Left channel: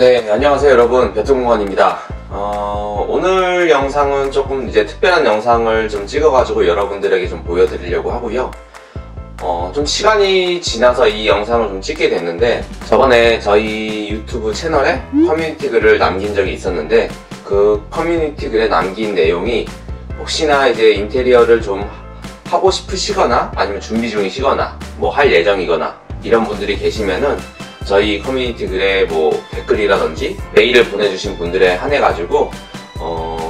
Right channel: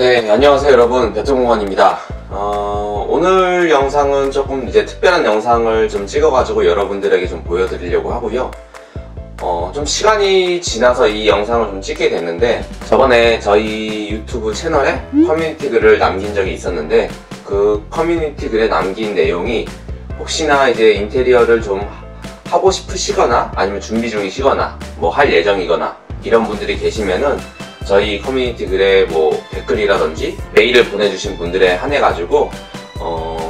네, 안녕하세요 여러분, 배트공원입니다. 오늘 영상은 조금 이제 특별한 영상을 좀 찍어가지고 여러분들에게 좀 보여드리려고 하고요. 좀 시간이 지나서 이 영상을 좀 찍게 됐는데, 저번에 저희 유튜브 채널에 커뮤니티 글을 남긴 적이 있었는데, 그 커뮤니티 글에 남긴 내용이 혹시나 이제 인테리어를 좀 하고 싶으시거나 아니면 준비 중이시거나 뭐 할 예정이거나 이런 분들이 계시면은 저희 커뮤니티 글에 뭐 댓글이라든지 메일을 보내주신 분들에 한해가지고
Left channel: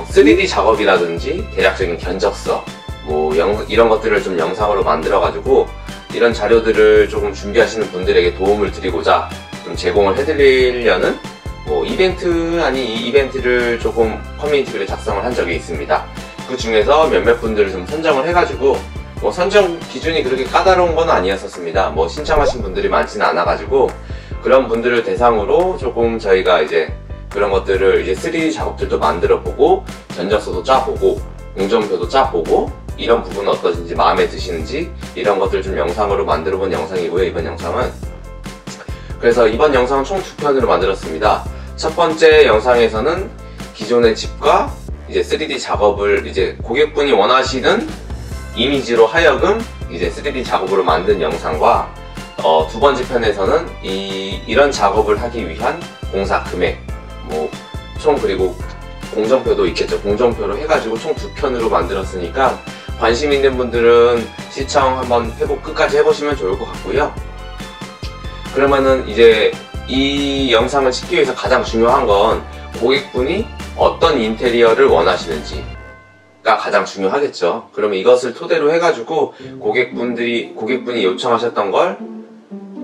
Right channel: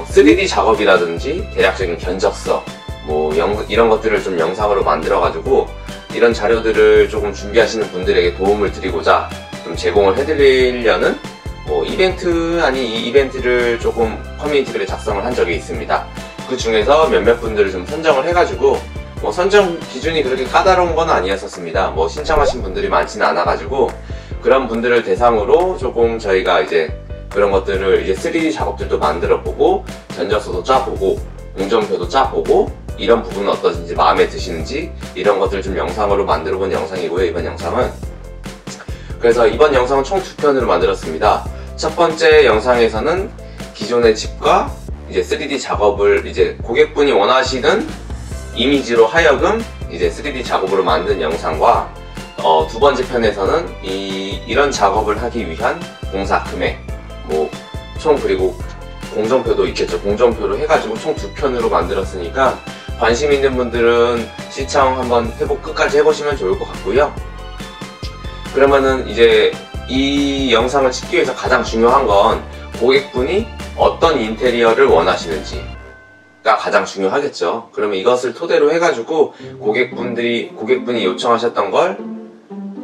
3D 작업이라든지 대략적인 견적서 뭐 이런 것들을 좀 영상으로 만들어가지고 이런 자료들을 조금 준비하시는 분들에게 도움을 드리고자 좀 제공을 해드리려는 뭐 이벤트 아닌 이벤트를 조금 커뮤니티 글에 작성을 한 적이 있습니다. 그 중에서 몇몇 분들을 좀 선정을 해가지고 뭐 선정 기준이 그렇게 까다로운 건 아니었었습니다. 뭐 신청하신 분들이 많지는 않아가지고 그런 분들을 대상으로 조금 저희가 이제 그런 것들을 이제 3D 작업들도 만들어 보고 견적서도 짜보고 공정표도 짜보고 이런 부분은 어떠신지 마음에 드시는지 이런 것들 좀 영상으로 만들어 본 영상이고요. 이번 영상은 그래서 이번 영상은 총 2편으로 만들었습니다. 첫 번째 영상에서는 기존의 집과 이제 3D 작업을 이제 고객분이 원하시는 이미지로 하여금 이제 3D 작업으로 만든 영상과 두 번째 편에서는 이런 작업을 하기 위한 공사 금액 뭐 총 그리고 공정표도 있겠죠. 공정표로 해가지고 총 2편으로 만들었으니까 관심 있는 분들은 시청 한번 끝까지 해보시면 좋을 것 같고요. 그러면은 이제 이 영상을 찍기 위해서 가장 중요한 건 고객분이 어떤 인테리어를 원하시는지가 가장 중요하겠죠. 그러면 이것을 토대로 해가지고 고객분이 요청하셨던 걸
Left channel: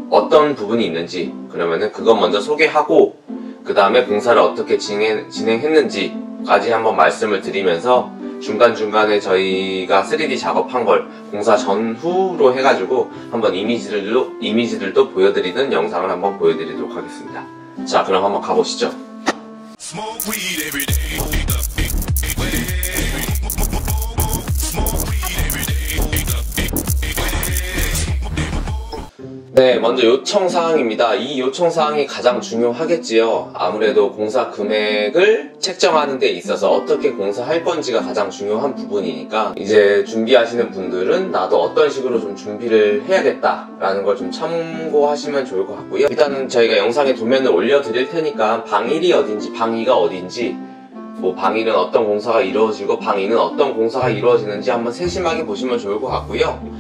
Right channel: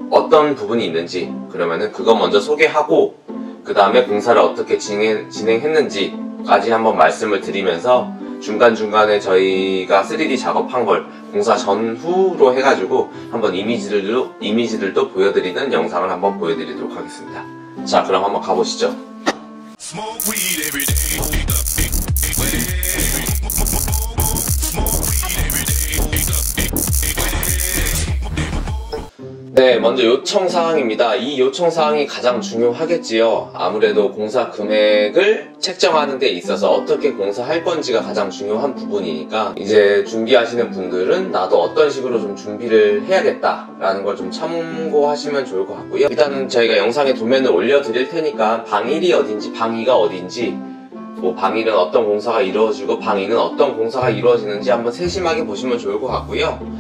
어떤 부분이 있는지 그러면은 그거 먼저 소개하고 그 다음에 공사를 어떻게 진행했는지까지 한번 말씀을 드리면서 중간중간에 저희가 3D 작업한 걸 공사 전후로 해가지고 한번 이미지들도 보여드리는 영상을 한번 보여드리도록 하겠습니다. 자, 그럼 한번 가보시죠. 네, 먼저 요청사항입니다. 이 요청사항이 가장 중요하겠지요. 아무래도 공사 금액을 책정하는 데 있어서 어떻게 공사할 건지가 가장 중요한 부분이니까 이제 준비하시는 분들은 나도 어떤 식으로 좀 준비를 해야겠다라는 걸 좀 참고하시면 좋을 것 같고요. 일단은 저희가 영상에 도면을 올려드릴 테니까 방 1이 어딘지 방 2가 어딘지 뭐 방 1은 어떤 공사가 이루어지고 방 2는 어떤 공사가 이루어지는지 한번 세심하게 보시면 좋을 것 같고요.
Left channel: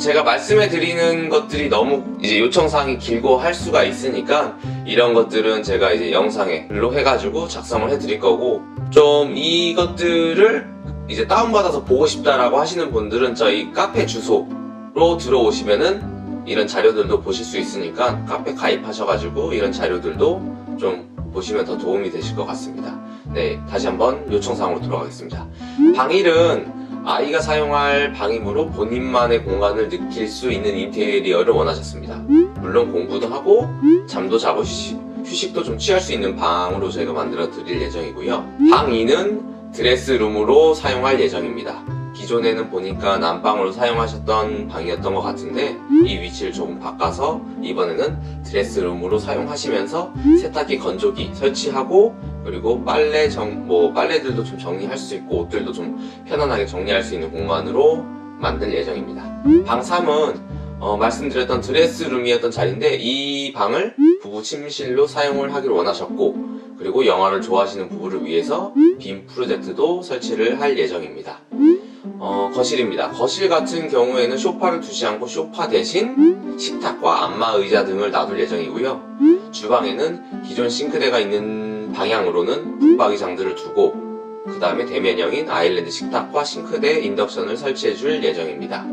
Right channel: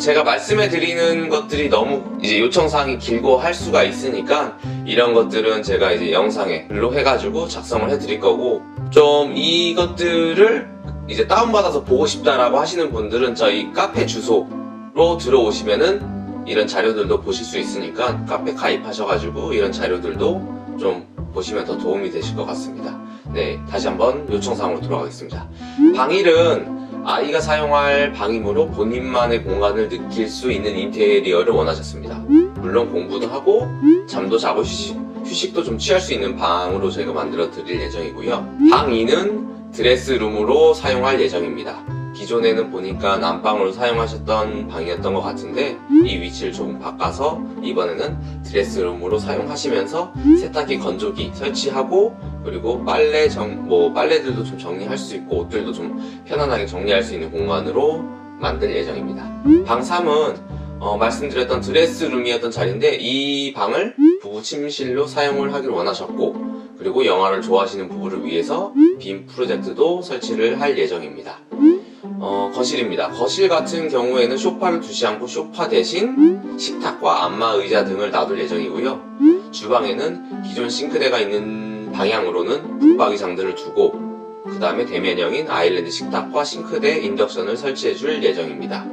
제가 말씀해 드리는 것들이 너무 이제 요청사항이 길고 할 수가 있으니까 이런 것들은 제가 이제 영상에 글로 해가지고 작성을 해 드릴 거고, 좀 이것들을 이제 다운받아서 보고 싶다라고 하시는 분들은 저희 카페 주소로 들어오시면은 이런 자료들도 보실 수 있으니까 카페 가입하셔가지고 이런 자료들도 좀 보시면 더 도움이 되실 것 같습니다. 네, 다시 한번 요청사항으로 돌아가겠습니다. 방 1은 아이가 사용할 방이므로 본인만의 공간을 느낄 수 있는 인테리어를 원하셨습니다. 물론 공부도 하고 잠도 자고 휴식도 좀 취할 수 있는 방으로 저희가 만들어 드릴 예정이고요. 방 2는 드레스룸으로 사용할 예정입니다. 기존에는 보니까 난방으로 사용하셨던 방이었던 것 같은데 이 위치를 조금 바꿔서 이번에는 드레스룸으로 사용하시면서 세탁기, 건조기 설치하고 그리고 빨래들도 좀 정리할 수 있고 옷들도 좀 편안하게 정리할 수 있는 공간으로 만들 예정입니다. 방 3은 말씀드렸던 드레스룸이었던 자리인데 이 방을 부부 침실로 사용을 하기를 원하셨고, 그리고 영화를 좋아하시는 부부를 위해서 빔 프로젝트도 설치를 할 예정입니다. 거실입니다. 거실 같은 경우에는 소파를 두지 않고 소파 대신 식탁과 안마 의자 등을 놔둘 예정이고요. 주방에는 기존 싱크대가 있는 방향으로는 붙박이장들을 두고 그 다음에 대면형인 아일랜드 식탁과 싱크대 인덕션을 설치해 줄 예정입니다.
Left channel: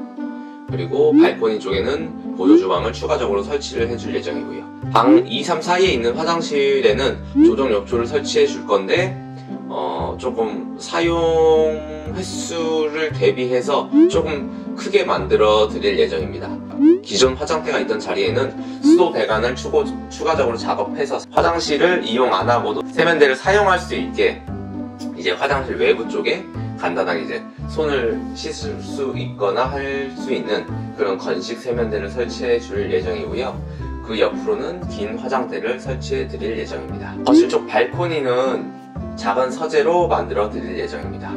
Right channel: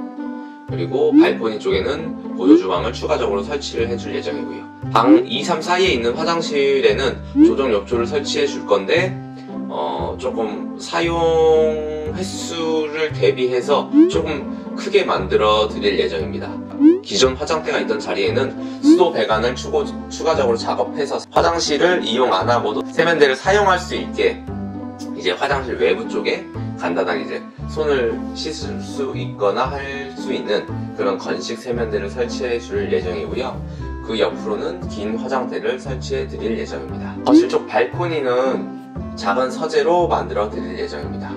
그리고 발코니 쪽에는 보조주방을 추가적으로 설치를 해줄 예정이고요. 방 2, 3 사이에 있는 화장실에는 조정 욕조를 설치해 줄 건데 조금 사용 횟수를 대비해서 조금 크게 만들어 드릴 예정입니다. 기존 화장대가 있던 자리에는 수도 배관을 추가적으로 작업해서 화장실을 이용 안 하고도 세면대를 사용할 수 있게 이제 화장실 외부 쪽에 간단하게 이제 손을 씻을 수 있거나 할 수 있는 그런 건식 세면대를 설치해 줄 예정이고요. 그 옆으로는 긴 화장대를 설치해 드릴 예정입니다. 거실 쪽 발코니는 작은 서재로 만들어 드릴 예정입니다.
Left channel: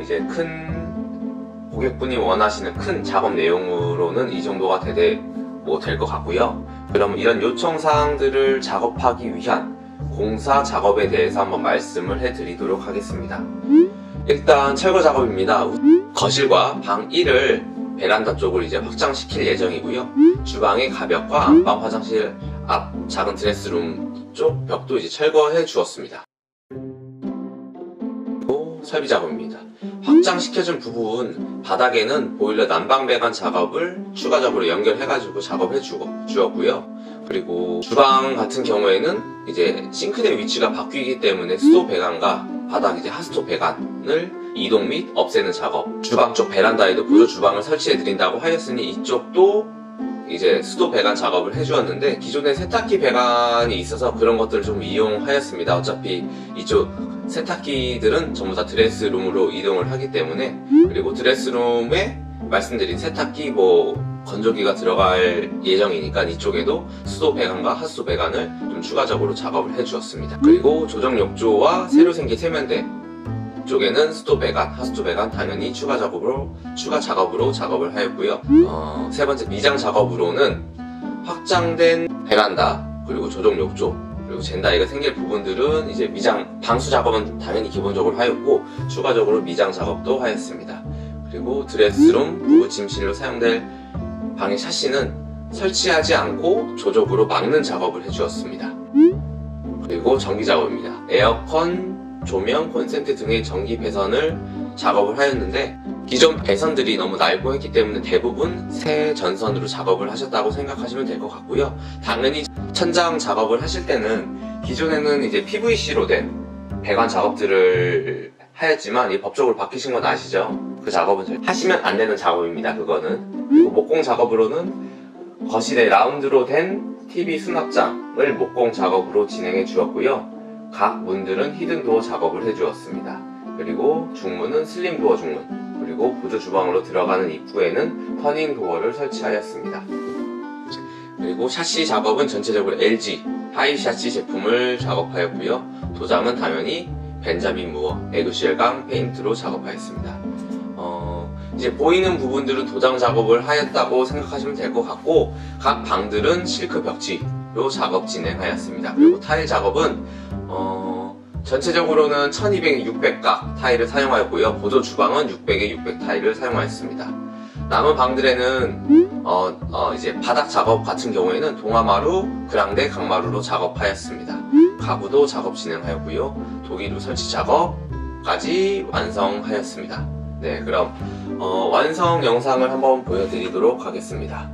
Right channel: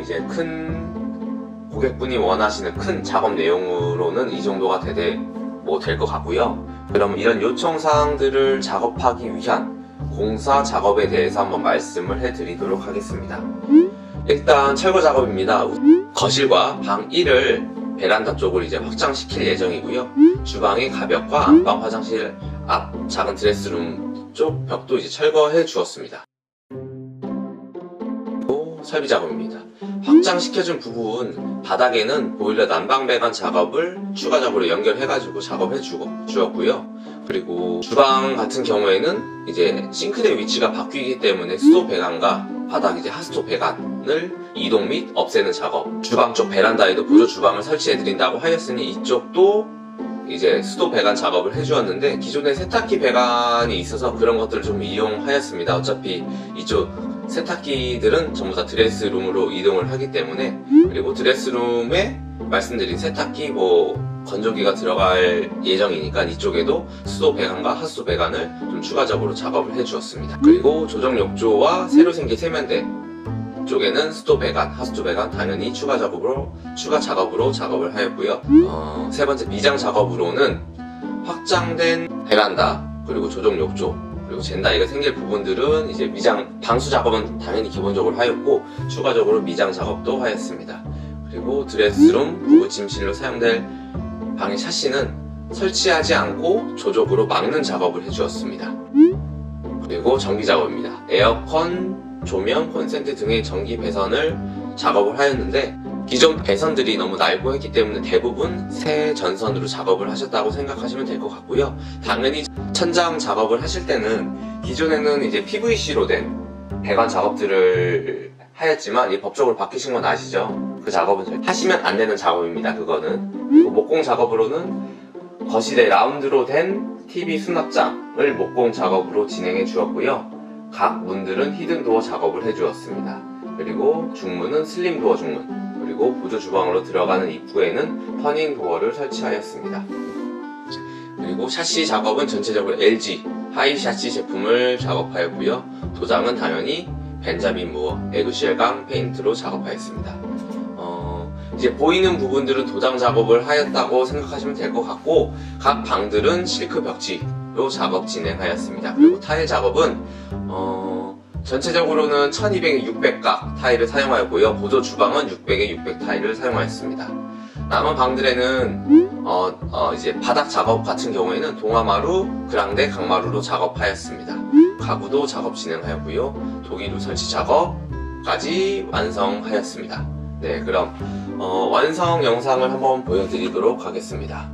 이제 큰 고객분이 원하시는 큰 작업 내용으로는 이 정도가 될 것 같고요. 그럼 이런 요청사항들을 작업하기 위한 공사 작업에 대해서 한번 말씀을 해드리도록 하겠습니다. 일단 철거 작업입니다. 거실과 방 1을 베란다 쪽으로 이제 확장시킬 예정이고요. 주방의 가벽과 안방 화장실 앞 작은 드레스룸 쪽 벽도 이제 철거해 주었습니다. 그리고 설비 작업입니다. 확장시켜준 부분 바닥에는 보일러 난방 배관 작업을 추가적으로 연결해가지고 작업해 주었고요. 그리고 주방 같은 경우에는 이제 싱크대 위치가 바뀌기 때문에 수도 배관과 바닥 이제 하수도 배관을 이동 및 없애는 작업. 주방 쪽 베란다에도 보조 주방을 설치해 드린다고 하였으니 이쪽도 이제 수도 배관 작업을 해주었는데 기존에 세탁기 배관이 있어서 그런 것들을 좀 이용하였습니다. 어차피 이쪽 세탁기들은 전부 다 드레스룸으로 이동을 하기 때문에, 그리고 드레스룸에 말씀드린 세탁기 건조기가 들어갈 예정이니까 이쪽에도 수도 배관과 하수도 배관을 좀 추가적으로 작업을 해주었습니다. 그리고 조정 욕조와 새로 생긴 세면대 쪽에는 수도 배관, 하수도 배관 당연히 추가 작업으로 작업을 하였고요. 세 번째 미장 작업으로는 확장된 베란다, 그리고 조정 욕조, 그리고 젠다이가 생길 부분들은 이제 미장, 방수 작업은 당연히 기본적으로 하였고 추가적으로 미장 작업도 하였습니다. 그리고 드레스룸, 부부 침실로 사용될 방의 샤시는 설치하지 않고 조적으로 막는 작업을 해주었습니다. 그리고 전기 작업입니다. 에어컨, 조명, 콘센트 등의 전기 배선을 작업을 하였는데 기존 배선들이 너무 낡고 했기 때문에 대부분 새 전선으로 작업을 하셨다고 생각하시면 될 것 같고요. 당연히 천장 작업을 하실 때는 기존에는 이제 PVC로 된 배관 작업들을 하였지만 이 법적으로 바뀌신 건 아시죠? 그 작업은 하시면 안 되는 작업입니다. 그거는. 그리고 목공 작업으로는 거실에 라운드로 된 TV 수납장을 목공 작업으로 진행해 주었고요. 각 문들은 히든도어 작업을 해주었습니다. 그리고 중문은 슬림도어 중문, 그리고 보조 주방으로 들어가는 입구에는 터닝도어를 설치하였습니다. 그리고 샤시 작업은 전체적으로 LG 하이 샤시 제품을 작업하였고요. 도장은 당연히 벤자민 무어 에그쉘감 페인트로 작업하였습니다. 이제 보이는 부분들은 도장 작업을 하였다고 생각하시면 될 것 같고, 각 방들은 실크 벽지로 작업 진행하였습니다. 그리고 타일 작업은 전체적으로는 1200에 600각 타일을 사용하였고요. 보조 주방은 600에 600 타일을 사용하였습니다. 남은 방들에는 이제 바닥 작업 같은 경우에는 동아마루, 그랑데, 강마루로 작업하였습니다. 가구도 작업 진행하였고요. 독일루 설치 작업까지 완성하였습니다. 네, 그럼 완성 영상을 한번 보여드리도록 하겠습니다.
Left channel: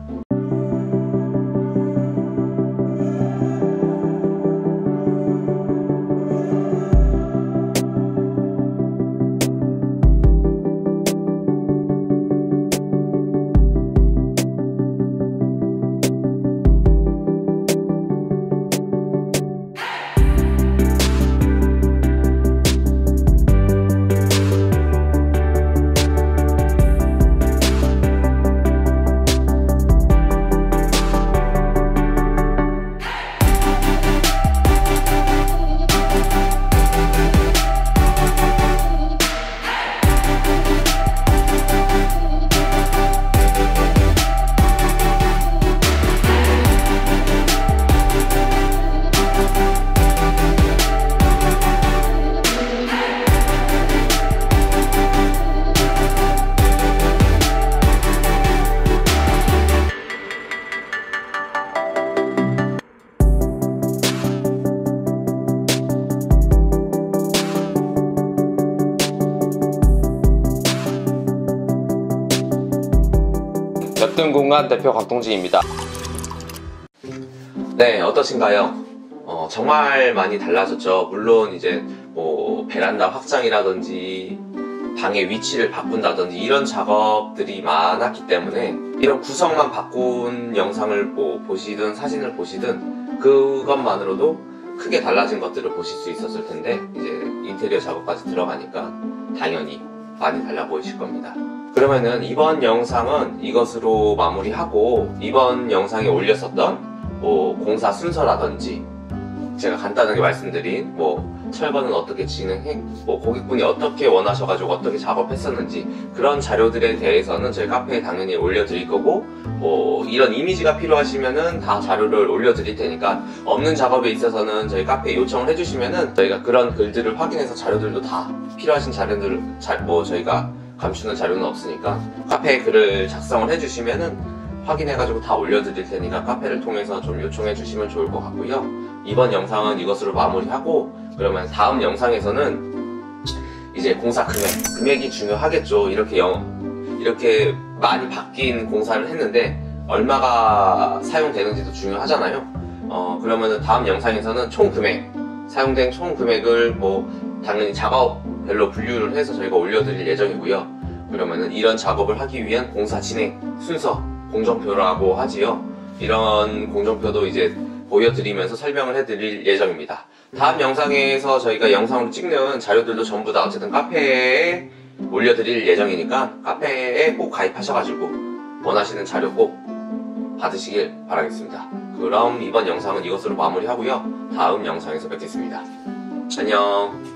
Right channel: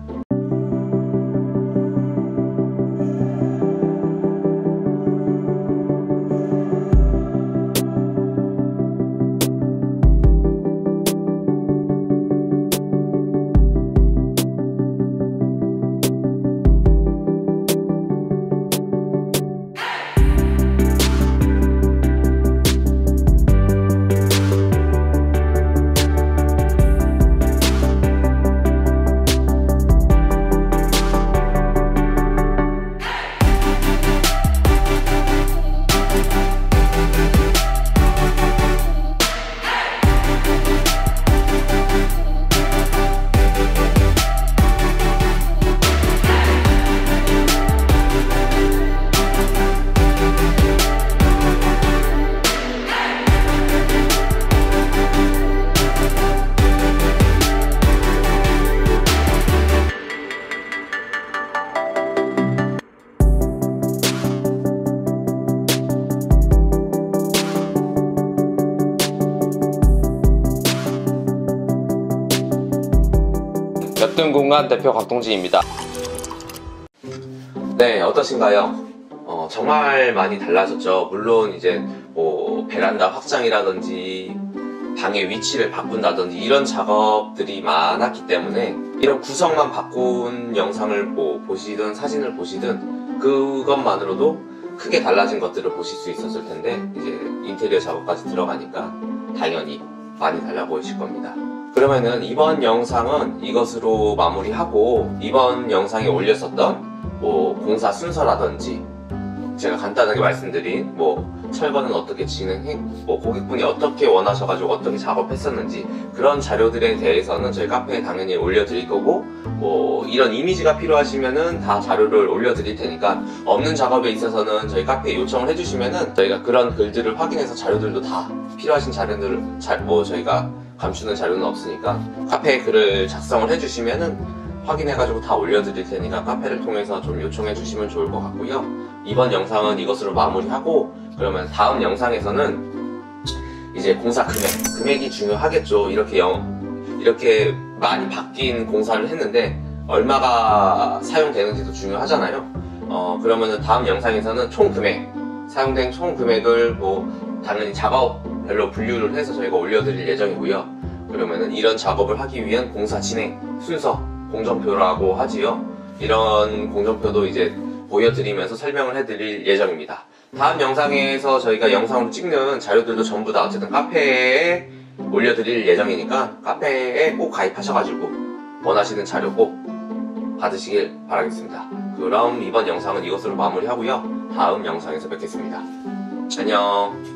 몇등공간 대표 곽동진입니다. 네, 어떠신가요? 정말 많이 달라졌죠. 물론 이제 베란다 확장이라든지 방의 위치를 바꾼다든지 이런 작업들이 많았기 때문에 이런 구성만 바꾼 영상을 보시든 사진을 보시든 그것만으로도 크게 달라진 것들을 보실 수 있었을 텐데, 이제 인테리어 작업까지 들어가니까 당연히 많이 달라 보이실 겁니다. 그러면은 이번 영상은 이것으로 마무리하고, 이번 영상에 올렸었던 뭐 공사 순서라든지 제가 간단하게 말씀드린 뭐 철거는 어떻게 진행해, 뭐 고객분이 어떻게 원하셔가지고 어떻게 작업했었는지 그런 자료들에 대해서는 저희 카페에 당연히 올려드릴 거고, 뭐 이런 이미지가 필요하시면은 다 자료를 올려드릴 테니까 없는 작업에 있어서는 저희 카페에 요청을 해주시면은 저희가 그런 글들을 확인해서 자료들도 다 필요하신 자료들을 뭐 저희가 감추는 자료는 없으니까 카페에 글을 작성을 해주시면은 확인해가지고 다 올려드릴 테니까 카페를 통해서 좀 요청해 주시면 좋을 것 같고요. 이번 영상은 이것으로 마무리하고, 그러면 다음 영상에서는 이제 공사 금액이 중요하겠죠. 이렇게 많이 바뀐 공사를 했는데 얼마가 사용되는지도 중요하잖아요. 그러면은 다음 영상에서는 사용된 총 금액을 뭐 당연히 작업별로 분류를 해서 저희가 올려드릴 예정이고요. 그러면은 이런 작업을 하기 위한 공사 진행 순서, 공정표라고 하지요. 이런 공정표도 이제 보여드리면서 설명을 해드릴 예정입니다. 다음 영상에서 저희가 영상으로 찍는 자료들도 전부 다 어쨌든 카페에 올려드릴 예정이니까 카페에 꼭 가입하셔가지고 원하시는 자료 꼭 받으시길 바라겠습니다. 그럼 이번 영상은 이것으로 마무리하고요. 다음 영상에서 뵙겠습니다. 안녕.